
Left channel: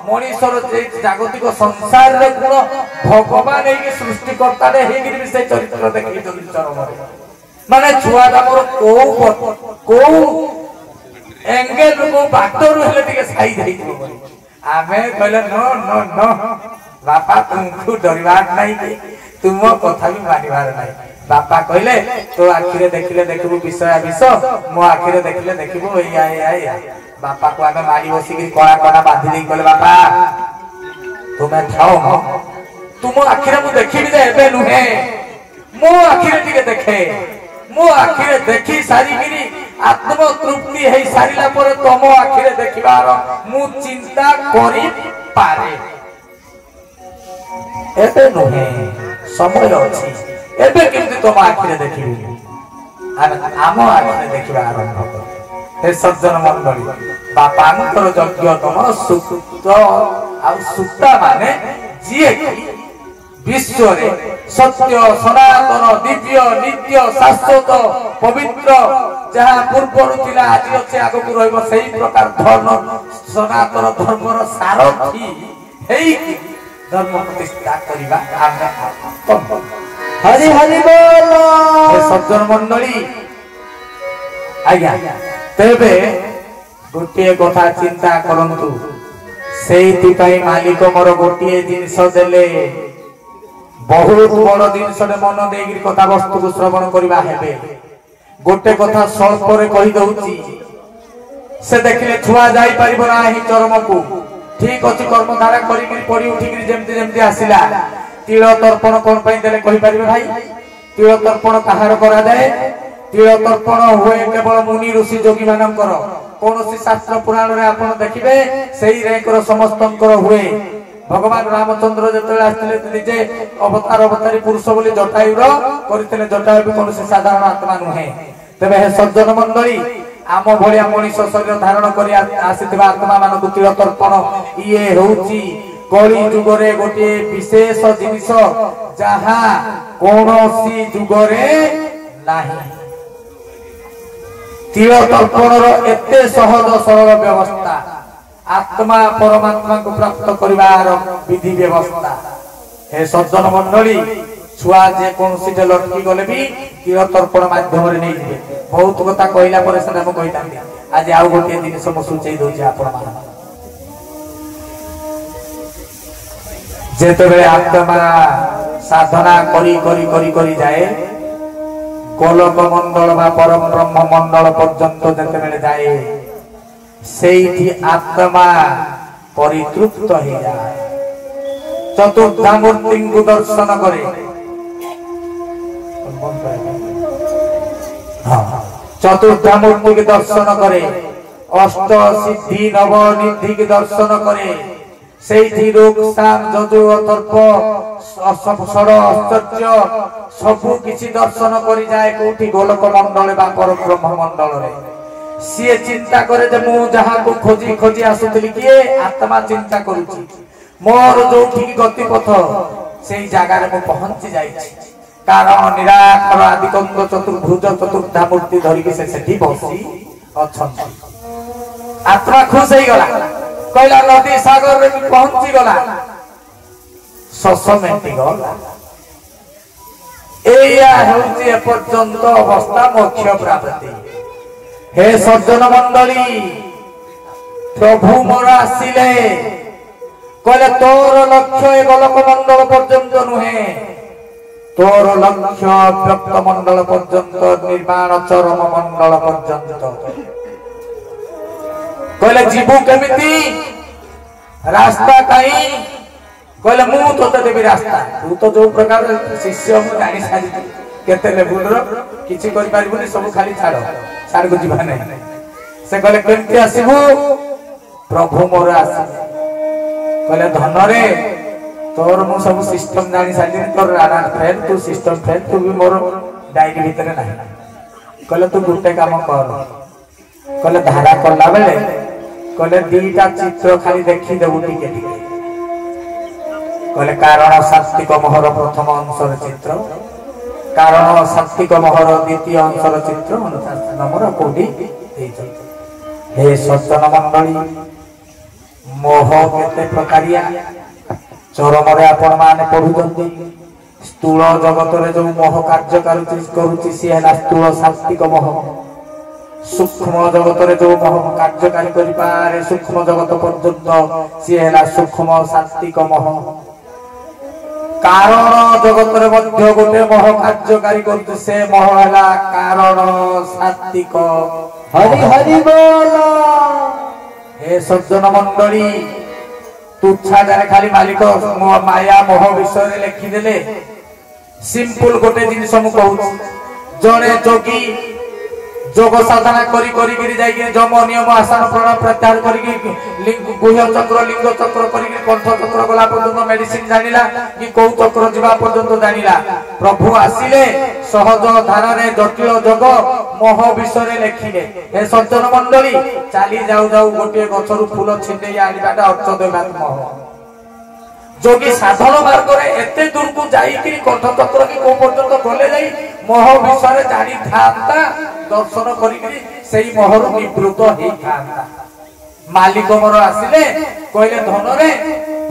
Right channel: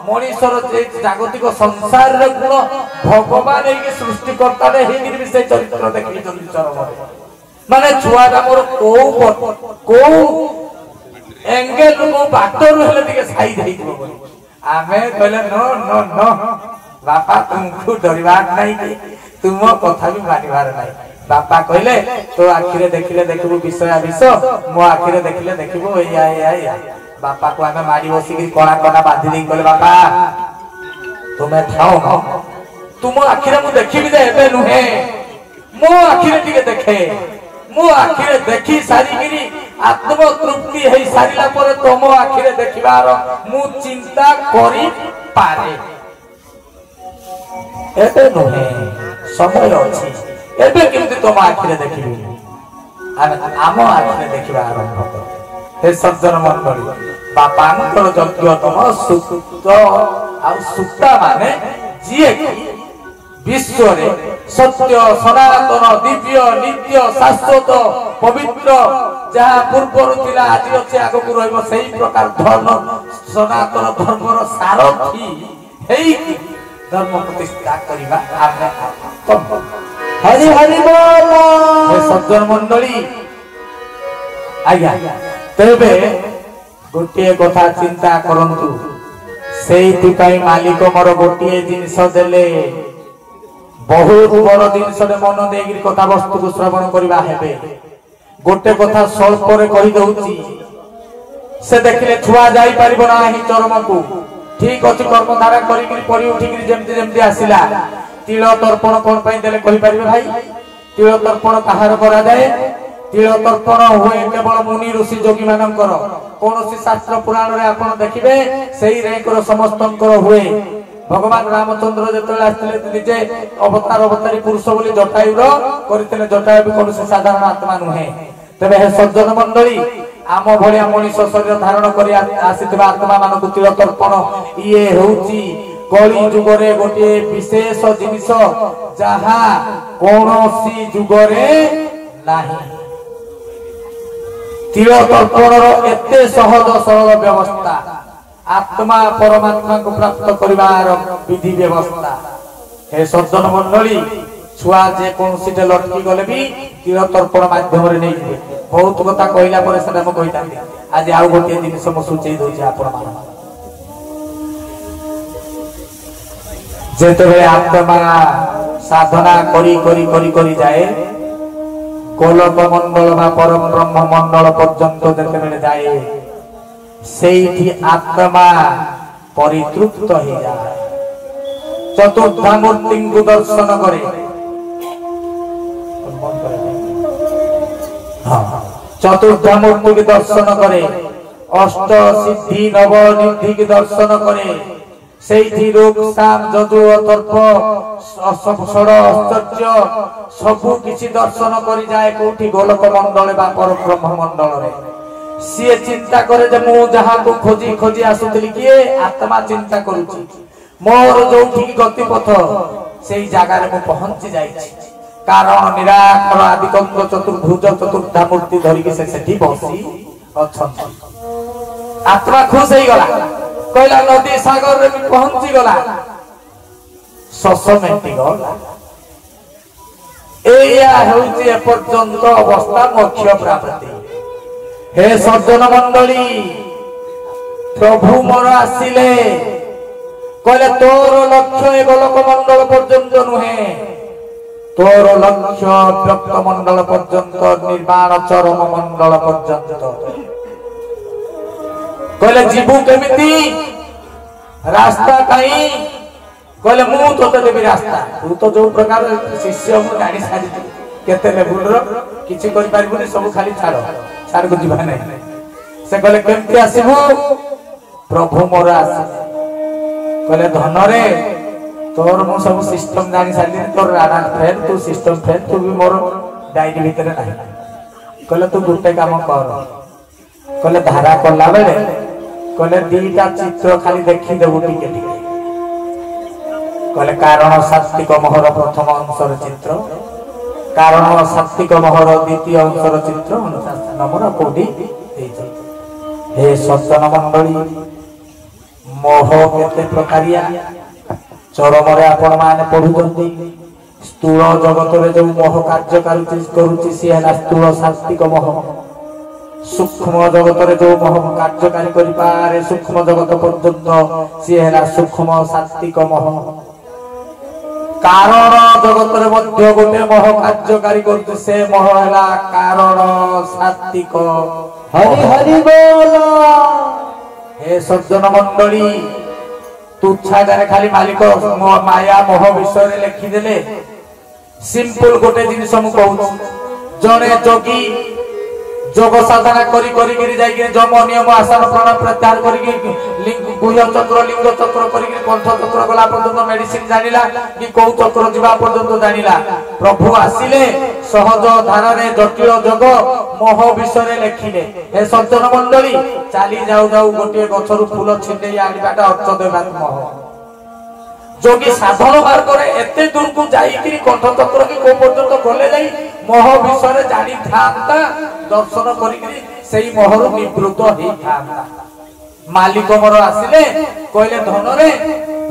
मनीषर जे जागतिक संसार रे गुण भगवान हे कि सृष्टि करता रे हे कि से चरित्र देखि जति चरम माने छुआ दामर को एंगल को बाटर हेले टिके साई देई दिबो आमे कहले नो नो नो बापा तुमको डरबार नहीं तुम कथा भी मानिबार नहीं बापा कहले तो आखिरे देखिले देखबो विषय विषय मो आखिरे देखिले देखबो एया बापा को आमे मारी बसी कि कोना कोना बांधी दे कहले बापा तुमे थाओ तुम आखिरे मु देखिबी जे एबे नुहे मो आखिरे टिके देखे मो आखिरे देखि सारी गिरी आत्म तृप्ति हे सारिला पर तुम आखिरे देखिबार मु चिंता करि पारे एबे नुहे समय अछि एबे केमति तुम आखिरे देखिबी आम आखिरे देखिबा आरंभ कर हे सज्जन मंडली बापांकर यज्ञ तुम सुत आ सुता माने जिए विश्व रे सत्य सनातन दिव्य नित्य शाश्वत पवित्र जहा पूर्व थिला आज अच्छे आगो को रहबो सही प्रकार धर्म सनातन धर्मर सारथी हेई धर्म प्रतिष्ठा करिबा आज्ञा तब हरि हरि बोल हे सज्जन मंडली आज्ञा तेबे गोटे कथा चिंता करंतु सेति पई मालिक मोर गोटे जिंस देले बहुत बड़ जिनस मन दे कथा वस्तु को श्रवण करवा हेबे गोटे कथा स्वल्प कही दउची से देखिले छुआ जाई परिबो नाही चरम को ठीक अछि कर्म धारा करी कि पड़ी उठी कि जेमति जेमति आसिला तिल तर्पण कोन पई देले कहि परिबे भाई तिल तर्पण कहार करा जाए तिल तर्पण हुए केवल मुनि ऋषि जोगी मानकर कोनोसी शास्त्र पुराण रे आपण देखिबे सेही रेकर समस्तंकर हुए भगवान रामचंद्र जतले आस्थिले निजे अवतार अवतारी पुरुष बोली जटायुर करथिले जटायु भी कोनोसी साधारण आत्मा नुहे तबे हे सज्जन मंडली आम भलिया मनीष शरीर धारण करी आसीथिबा आत्मा मानकु तिल तर्पण इए होउची कली जुग रे गोटे विशेष जिनिस जहा कोनोसी जुग रे नाही तिल तर्पण रो एते सहज सरल व्यवस्था आत्मा परमात्मा को प्राप्त करिवार विधि व्यवस्था हे सज्जन मंडली छुआ जे कौन सीटे लटकी गले भी तीर तर्पण माध्यम रे नहीं जिवे बहुत कथा कहला पर से हम कहिता आज आउ गोटे दिन सब सूचई दोछि आपण मान जेते बेले आत्मा साधना करी करी करी करी जाए गोलक मंडल बा परम ब्रह्म मंडल पर्यंत जेते बेले जाए सेठी आत्मा परितृप्त हो जाए चतुर्धामूर्ति को दर्शन करे चतुर्धामूर्ति के दर्शन करे अष्ट सिद्धि नव निधि के दर्शन करे सेठी रोग शाम जदु अतर्प षड आश्चर्य सबु किछि दर्शन करी जाए कोठी गोलक मंडल बा परम ब्रह्म मंडल रे सीए चिंता करे जे मु जहा को खोजी खोजी आसुतली किए आत्मा चिंता करूची मोर जोठी गति पथ सेई जागा रे मु पहुंची जाई कारण निराकार आदिकल्प चतुर्भुज चतुर्धामूर्ति धरि के से सेठी बसी अछन आत्मा खुश होई गला कहला नदी सागर रे पहुंची गला ससमेंटी गला एया हेउची ए पर्यंत अवस्था मोक्ष प्राप्ति हे सज्जन मंडली प्रभु मोर आसिले कहले तोर लक्ष्य ए गोलक मंडल पर्यंत नुहे तोर लक्ष्य व्यक्त मंडल पर्यंत निर्माण चरम मंडल पर्यंत कहले जीवु केमिति रास्ता काई कहले मु तो देबी रास्ता तू तो जो प्रकार शिष्य मु जानि सारी केते लेवल रो किछि करि पारिबनी सब खाली छाड़ छाड़ को जीवा नहीं से कहले केमति आसीबू प्रभु मोर आसी कहले धन रे तोर मु सब सिस्टम जानि सारी तोर राणा फेल तू सिस्टम फेल तू भी मोर डायरी भीतर नहीं कहले तू गुटे काम कर कहले धारा कला बेले कहले दीटा चित्र खाली देखि देबू टिके टिके कहले कारण सात्विक मोहर प्रथम अंशर चित्र कारण सात्विक मोहर द्वितीय अंशर चित्र 49 नंबर कोडी देइछ हे सज्जन मंडली मोह केते प्रकारिया चरम रे आपण माने पढुचंती स्थूल जगत रे जो मोह कार्य करूची सी है स्थूल सात्विक मोह सूक्ष्म जगत रे जो मोह कार्यकारी करि पारे सूक्ष्म जगत पर्यंत सी है सूक्ष्म सात्विक मोह कारण जगत रे मध्य गोटे मोह कार्यकारी करते से मोह हला कारण सात्विक हरि हरि बोल हे सज्जन मंडली तुच्छा जाने खाली मालिक माया मोह विषय रे लिखि देले सिंपल गोटे जिनिस मु कहू जणे जोगी जोग साधना करी करी गिरी जाई के जम नियम आसन प्राण प्रत्याहार करी लिंग गुह्य चक्र लिंग चक्र करी कंठ चक्र गला पर्यंत मेडिसिन जानिला कि कौ चक्र जीवा पर्यंत जानिला प्रभु आसिले सहज धारा रे जटिल जोग मोह विषय रे लेखिले हे सज्जन मंडली चाली जाऊ जाऊ गोटे गछरु फूल छिंडे आनिबाटा अर्थ देबा मोह जोगी साधन मार्ग रे एते दूर को जाई कि कंठ चक्र के को पर्यंत गले जाई मोह विषय रे जानि थांता दर्शन करी सेई मोहरु निवृत्त हेई थांता मालिक मोर आसिले कहले धन रे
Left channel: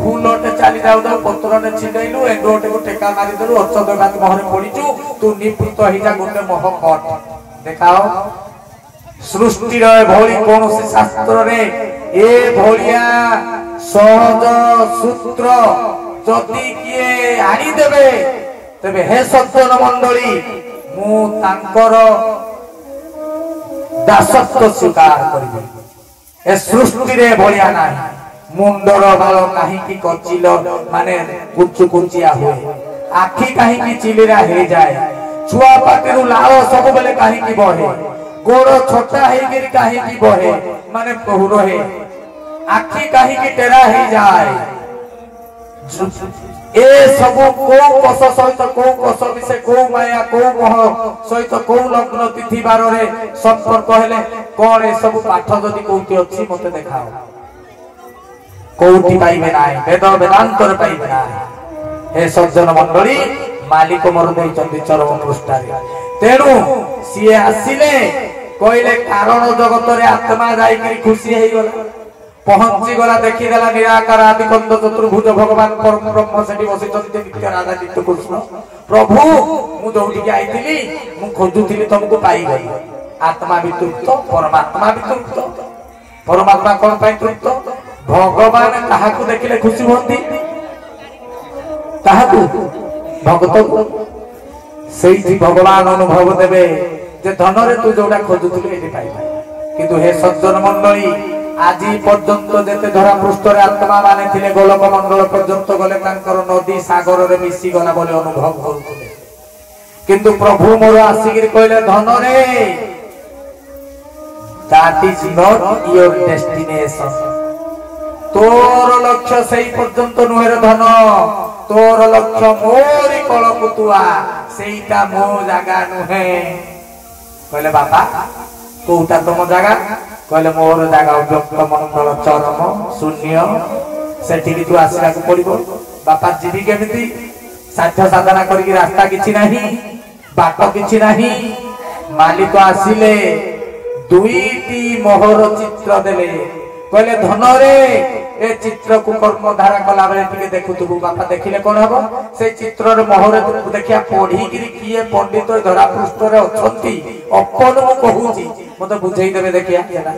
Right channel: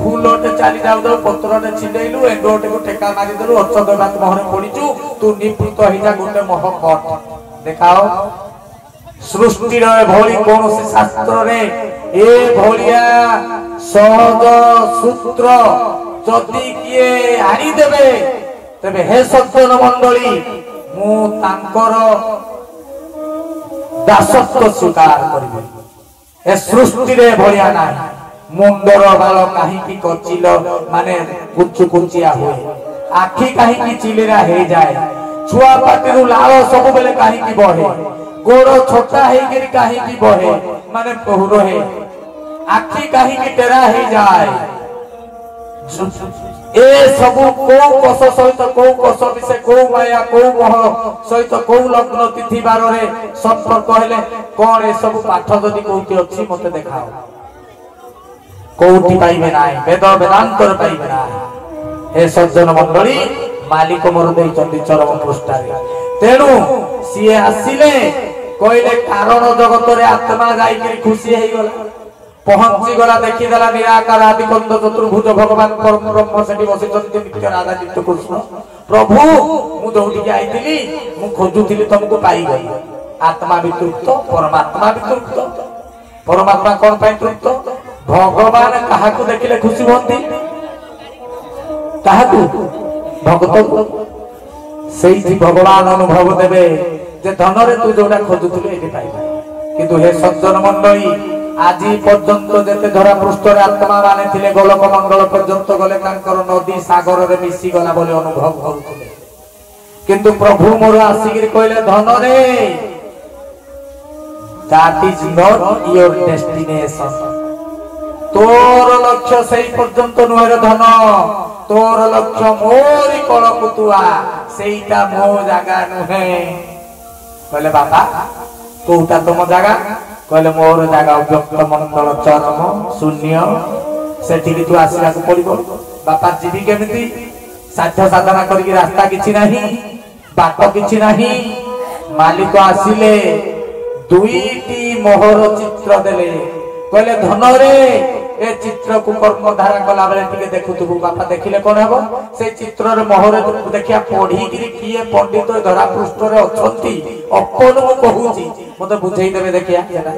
फूलटे चाली जाऊ जाऊ पत्रटे छिंडेलु एंगोटे को ठेका मारी देलु अर्थ देबा मोहरे पडिचु तू निवृत्त हेई जा गोटे मोह कट देखाओ सृष्टि रे भोली कोनोसी शास्त्र रे ए भोलिया सहज सूत्र जदि किए आनी देबे तबे हे सज्जन मंडली मु तांकर दासत्व स्वीकार करिबे ए सृष्टि रे भलिया नाही मुंडर बाल काहे की कचिल माने कुचु कुचिया होए आखी काहे की चिलिरा हे जाए छुआ पाटिरु लाल सब बेले काहे की बहे गोड़ छोटा हे गिरी काहे की बहे माने बहुरो हे आखी काहे की टेरा हे जाए ए सब को कस सहित को कस विषय को माया को मोह सहित को लग्न तिथि बार रे संपर्क हेले कोन ए सब पाठ जदि कोठी अछि मते देखाओ कोठी पाइबे नाही वेद वेदांत रे पाइबे नाही हे सज्जन मंडली मालिक मोर देई चंदी चरम पृष्ठारे तेनु सिए आसिले कहले कारण जगत रे आत्मा जाई कि खुशी हेई गला पहुंची गला देखि देला निराकार आदिकंद चतुर्भुज भगवान परम ब्रह्म सेठी बसिचंती नित्य राधा नित्य कृष्ण प्रभु मु जोठी आईली मु खोजुली तुमको पाईगली आत्मा भी तृप्त परमात्मा भी तृप्त परमात्मा कौन पाई तृप्त भगवान ताहाकु देखिले खुशी होती ताहाकु भगत से भगवान अनुभव देवे जे धन रे तू जोड़ा खोजुली एटी पाइबा किंतु हे सज्जन मंडली आज पर्यंत जेते धरा पृष्ठ आत्मा माने थिले गोलक मंगल पर्यंत गले तांकर नदी सागर रे मिसी गला बोले अनुभव करूथिले किंतु प्रभु मोर आसिगिर कहले धन रे that is not your destination तोर लक्ष्य सही पर्यंत नुहेर धन तोर लक्ष्य मोरी कलकुतुआ सेईटा मो जागा नुहे कहले बाबा कोउटा तुम जागा कहले मोर जागा अव्यक्त मंगल चरम शून्य सेठी तू आसीला पड़िबो बापा जीवी केमिति साध्य साधना करके रास्ता किछि नाही बाट किछि नाही मालिक आसिले दुईटी मोहर चित्र देले कहले धन रे ए चित्र को कर्म धारा कला बेले टिके देखुतु बापा देखिले कोन हबो से चित्र रे मोहर देखिया पढी गिरी किए पंडित धरा पृष्ठ रे अछंती अपन को कहूची मते बुझाई देबे देखिया केना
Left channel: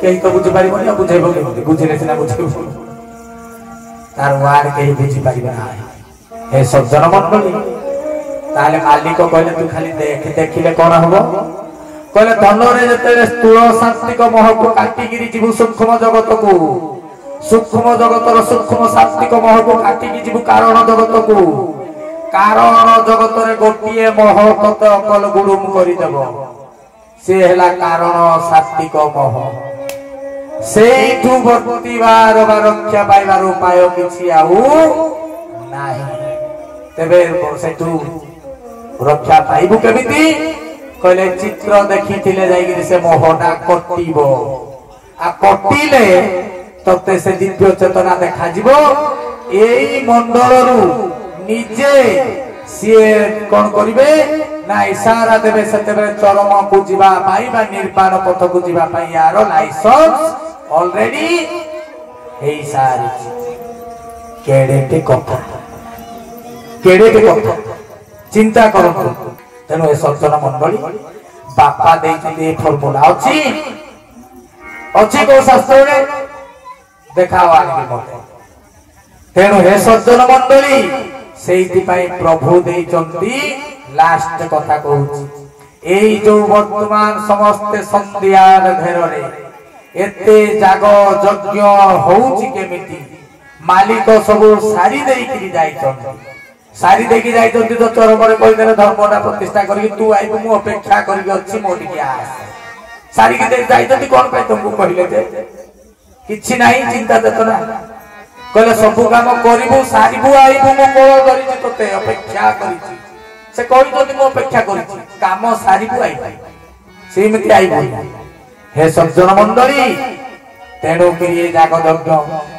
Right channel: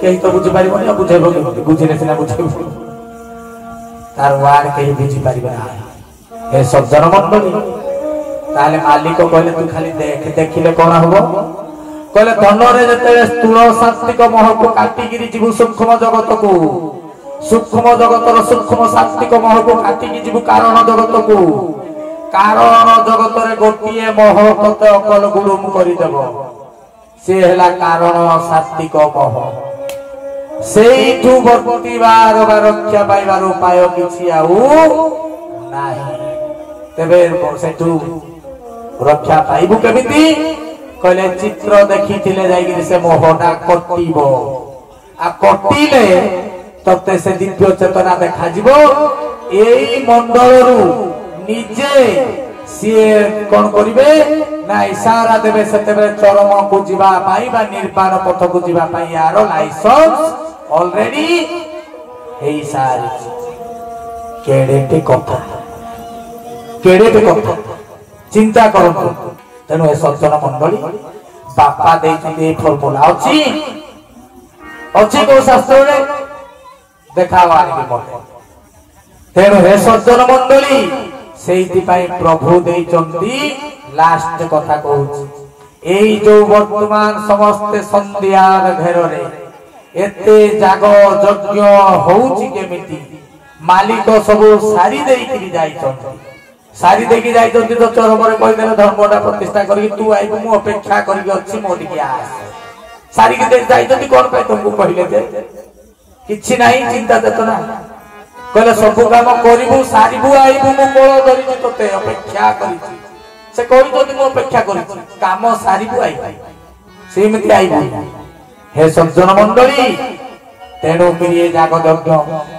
केही तो बुझि पारिबो या बुझाइबो बुझिले सिना बुझाइबो तार वार केही बुझि पारिबो ना हे सज्जन मंडली ताले मालिक कहले तू खाली देख देखिले कोन हबो कहले धन रे जते स्थूल सात्विक मोह को काटी गिरी जीव सूक्ष्म जगत को सूक्ष्म जगतर सूक्ष्म सात्विक मोह को काटी गी जीव कारण जगत को कारण जगत रे गोटिए मोह तत अकल गुडुम करि देबो से हैला कारण सात्विक मोह सेइठु वर्तिबार रक्षा पाइबार उपाय किछि आउ नाही तेबे सेठु रक्षा पाइबु केमिति कहले चित्र देखी से मोहना कटिबो आ कटिले तते से दिव्य चेतना देखा जिवो एई मंडलरू निजे सिए कोन करिवे ना इशारा देबे सेतेबे चरम को जीवा पाई बा निर्वाण पथ को जीवा पाई यार लाइसेंस ऑलरेडी हेई सारी केडेटे कथा चिंता करंतु तेणु ए सज्जन मंडली बापा देइछन्ते फॉर्मूला अछि अछि को शास्त्र रे देखाओ आगे मते तेणु हे सज्जन मंडली सेइति पई प्रभु देइछन्ती लास्ट कथा कहूछि एई जो वर्तमान समस्त संध्यार घेर रे एते जाग यज्ञ होउछि केमिति मालिक सब सारी देई करी जाइछन्ती सारी देखी जाई तो चरम रे कहि देले धर्मटा प्रतिष्ठा करी तू आइबु मु अपेक्षा करी अछि मोटी के आस सारी के देख जाई तो कोन पे तुमको कहिले दे किछि नाही चिंता देतना कहले सब काम करिबु सारीबु आइबु मु कोळ धरि तोते अपेक्षा करी से कहि तो मु अपेक्षा करी काम सारीबु आइबु सेमिति आइबु हे सज्जन मंडली तेणु करिए जाग यज्ञ